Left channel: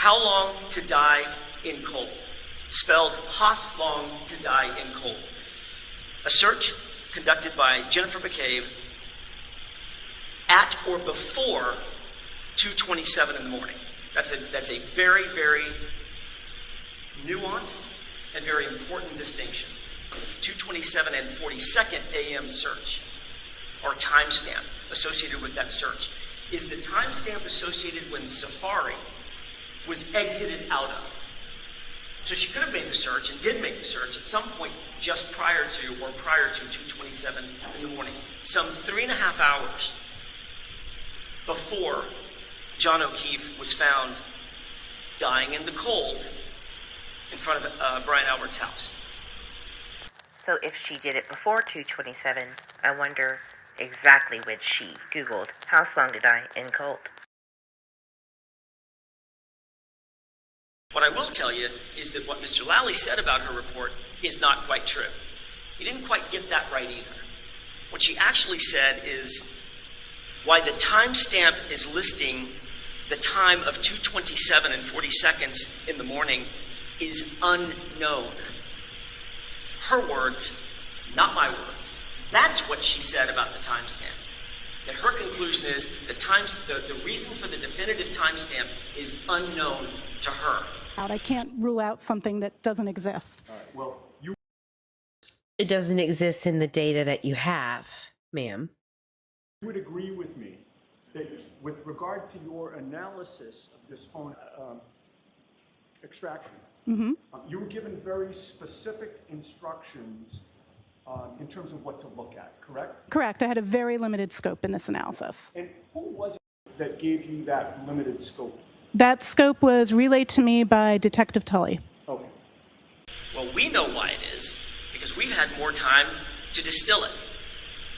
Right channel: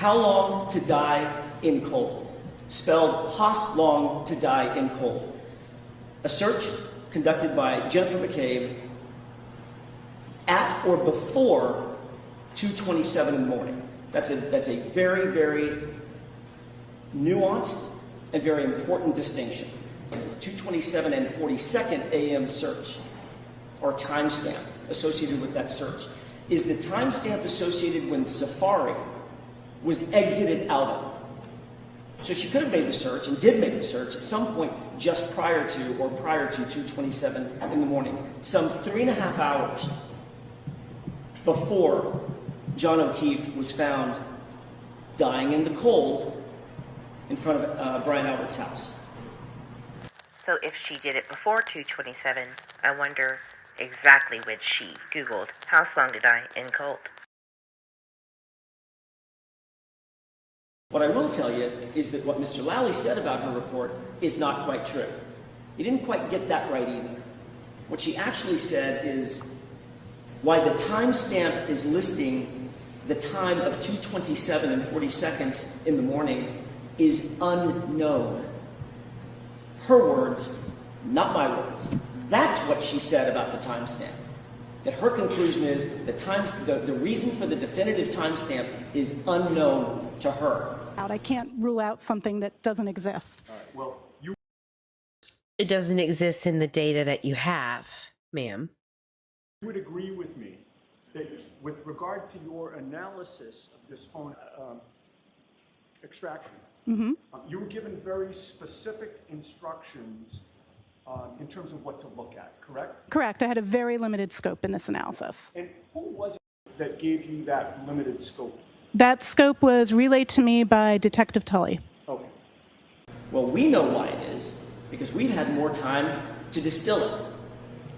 How long to die in cold, spelled Haas long to die in cold. A search conducted by Jennifer McCabe at or before 2:27 in the morning. That's a very, very nuanced and very important distinction. 2:27 and 42nd a.m. search, or timestamp associated with that search, is the timestamp associated when Safari was exited out of. So she could have made the search, and did make the search, at some point just prior to 2:27 in the morning, some 3.5 hours before John O'Keefe was found dying in the cold in front of Brian Albert's house. So if she did it before 2:27, I wonder exactly when she Googled house long to die in cold. What I will tell you is that what Mr. Lally said about her report is not quite true. He didn't quite get that right either. What she actually said is why the timestamp is listing the time of 2:27 and 40 seconds in the morning is unknown. Her words, not my words. That's what she said about the timestamp. That her conclusion is the reason for the definitive timestamp is unknown to her. I can't rule out something that doesn't exist. All right, well, It doesn't exist in the data that you have, ma'am. you would agree with me that with regard to your analysis of this phone extraction, you were given very specific instructions in terms of what to look at, correct? Correct. I had a very limited scope in this analysis. And who was it that gave you that limited scope? That scope was relayed to me by Detective Tully. Okay. Well, we know why it is, because we've had more time to distill it.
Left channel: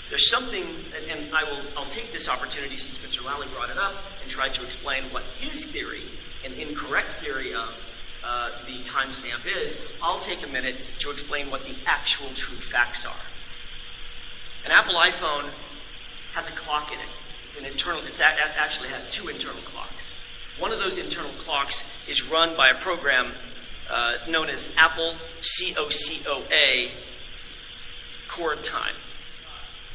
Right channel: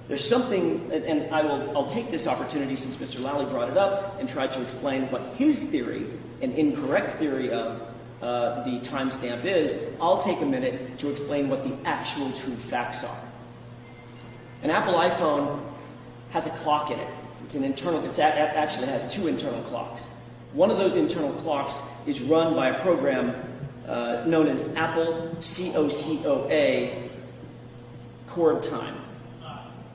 There's something, and I'll take this opportunity since Mr. Lally brought it up and tried to explain what his theory, an incorrect theory of the timestamp is. I'll take a minute to explain what the actual true facts are. An Apple iPhone has a clock in it. It actually has two internal clocks. One of those internal clocks is run by a program known as Apple COCOA chord time.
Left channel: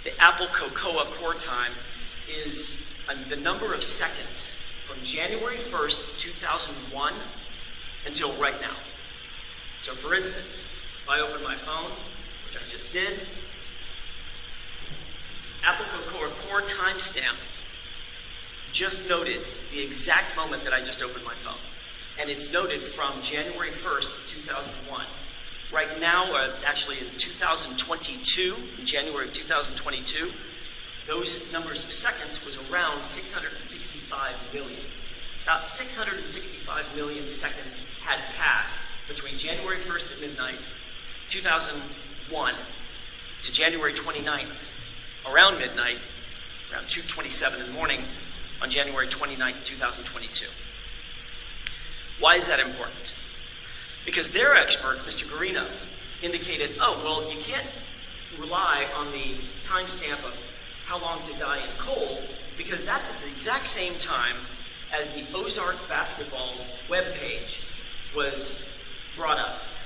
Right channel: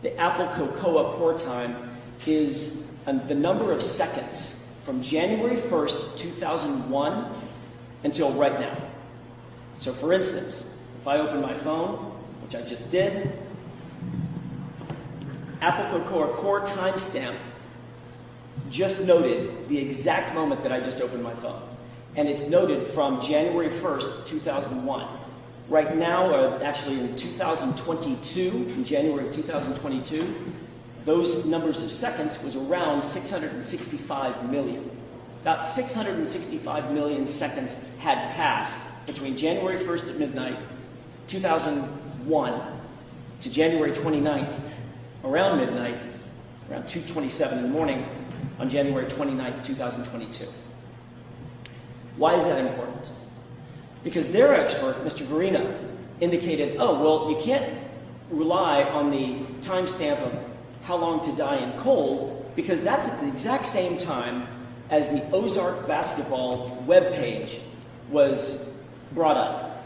The Apple Cocoa chord time is the number of seconds from January 1st, 2001 until right now. So for instance, if I open my phone, which I just did, Apple Cocoa chord timestamp just noted the exact moment that I just opened my phone. And it's noted from January 1st, 2001. Right now, actually in 2022, in January of 2022, those numbers of seconds was around 665 million. About 665 million seconds had passed between January 1st at midnight, 2001, to January 29th, around midnight, around 2:27 in the morning, on January 29th, 2022. Why is that important? Because their expert, Mr. Guarino, indicated, oh, well, you can't rely on the timestamp of how long to die in cold, because that's at the exact same time as the Ozark basketball webpage was brought up.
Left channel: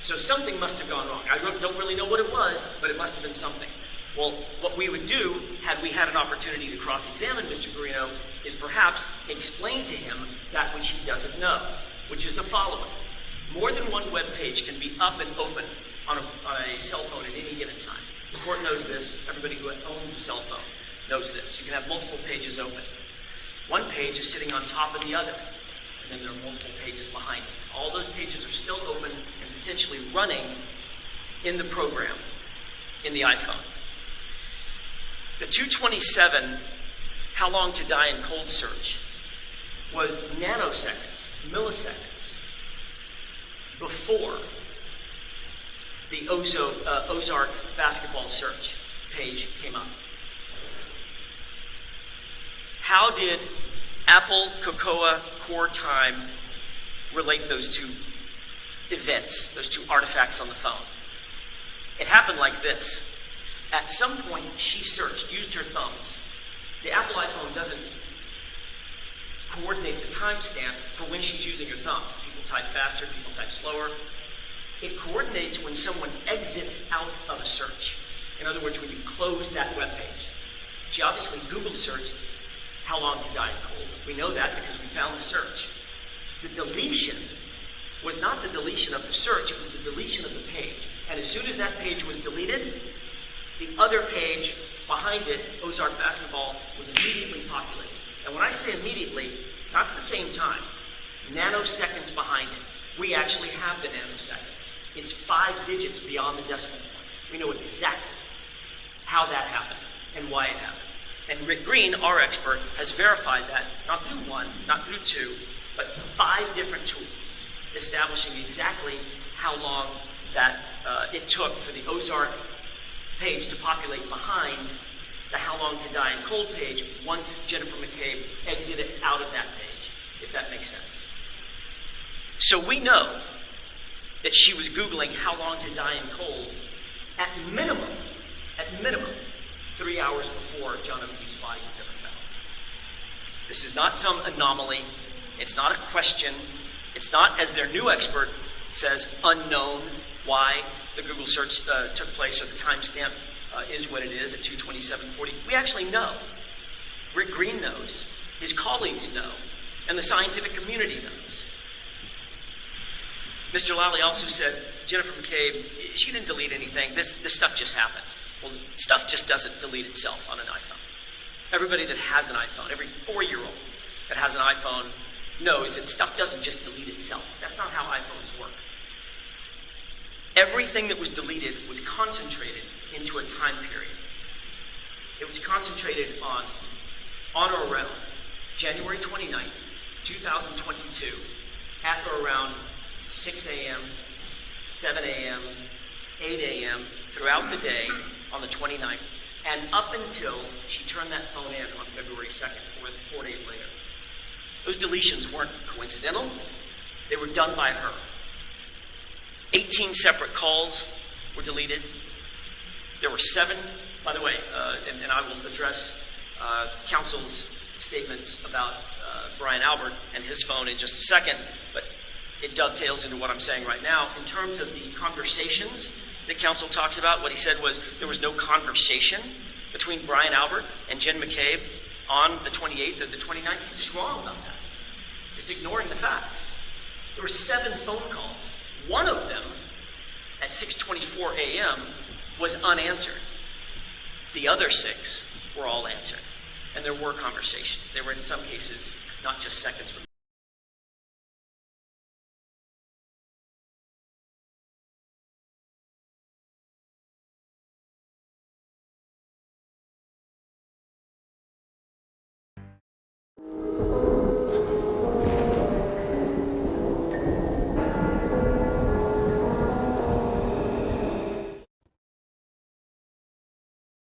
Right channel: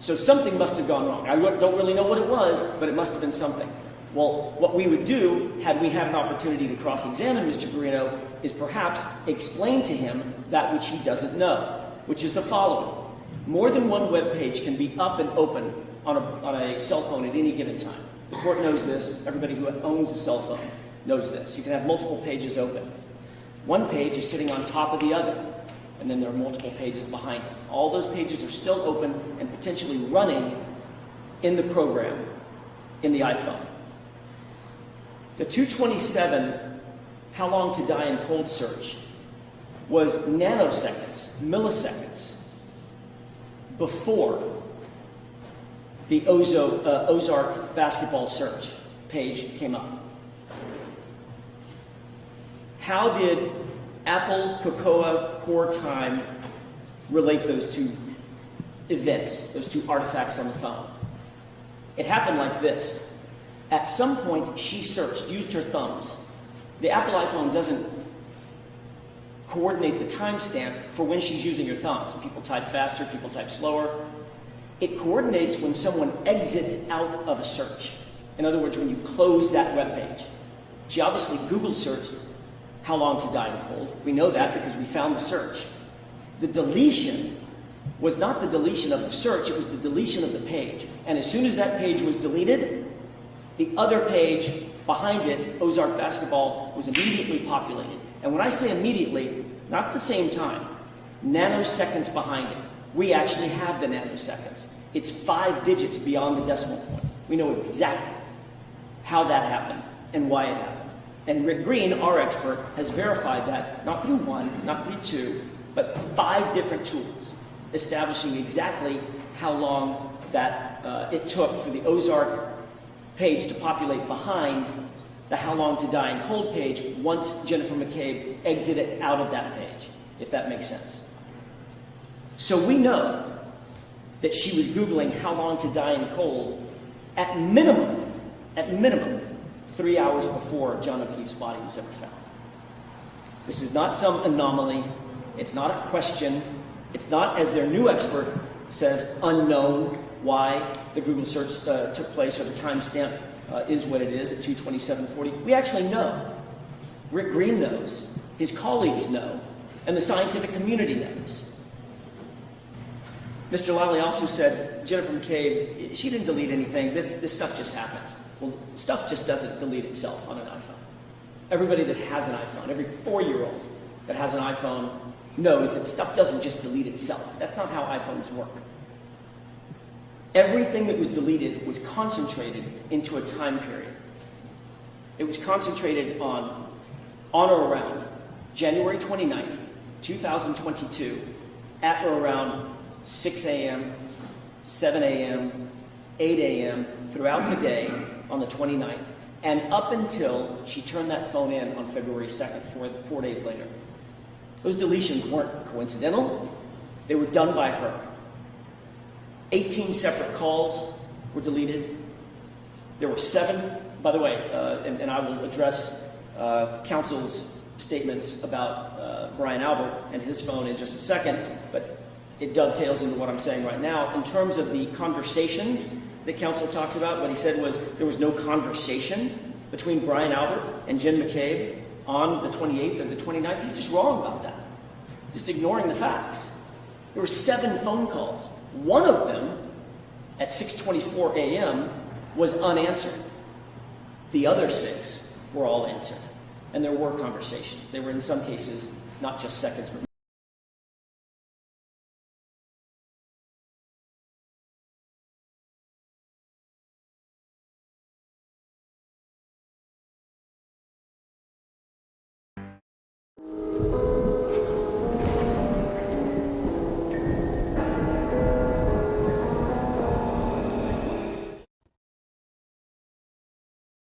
So something must have gone wrong. I don't really know what it was, but it must have been something. Well, what we would do, had we had an opportunity to cross-examine Mr. Guarino, is perhaps explain to him that which he doesn't know, which is the following. More than one web page can be up and open on a cell phone at any given time. The court knows this. Everybody who owns a cell phone knows this. You can have multiple pages open. One page is sitting on top of the other, and then there are multiple pages behind it. All those pages are still open and potentially running in the program, in the iPhone. The 2:27 how long to die in cold search was nanoseconds, milliseconds, before the Ozark basketball search page came up. How did Apple Cocoa Core Time relate those two events, those two artifacts on the phone? It happened like this. At some point, she searched, used her thumbs. The Apple iPhone doesn't coordinate the timestamp for when she's using her thumbs. People type faster, people type slower. It coordinates when someone exits out of a search. In other words, when you close that web page. She obviously Google searched how long to die in cold. We know that because we found the search. The deletion was not the deletion of the search, it was the deletion of the page. And as soon as that page was deleted, the other page behind it, Ozark Basketball, was immediately populated. And when I say immediately, not at the same time, nanoseconds behind it. We actually have the nanoseconds. It's 5 digits beyond the decimal point. We know exactly how that happened and why it happened. And Rick Green, our expert, has verified that, not through 1, not through 2, but 5 different tools, establishing exactly how long that it took for the Ozark page to populate behind the how long to die in cold page once Jennifer McCabe exited out of that page, if that makes sense. So we know that she was Googling how long to die in cold at minimum, 3 hours before John O'Keefe's body was ever found. This is not some anomaly. It's not a question. It's not, as their new expert says, unknown why the Google search took place, or the timestamp is what it is at 2:27:40. We actually know. Rick Green knows. His colleagues know. And the scientific community knows. Mr. Lally also said, Jennifer McCabe, she didn't delete anything. This stuff just happens. Well, stuff just doesn't delete itself on an iPhone. Everybody that has an iPhone, every 4-year-old that has an iPhone knows that stuff doesn't just delete itself. That's not how iPhones work. Everything that was deleted was concentrated into a time period. It was concentrated on or around January 29th, 2022, at or around 6 a.m., 7 a.m., 8 a.m., throughout the day on the 29th, and up until she turned that phone in on February 2nd, 4 days later. Those deletions weren't coincidental. They were done by her. 18 separate calls were deleted. There were 7, by the way, and I will address counsel's statements about Brian Albert and his phone in just a second, but it dovetails into what I'm saying right now. In terms of the conversations that counsel talks about, what he said was there was no conversation between Brian Albert and Jenn McCabe on the 28th or the 29th. He's just wrong about that. He's ignoring the facts. There were 7 phone calls. One of them, at 6:24 a.m., was unanswered. The other 6 were all answered. And there were conversations. They were, in some cases, not just seconds, but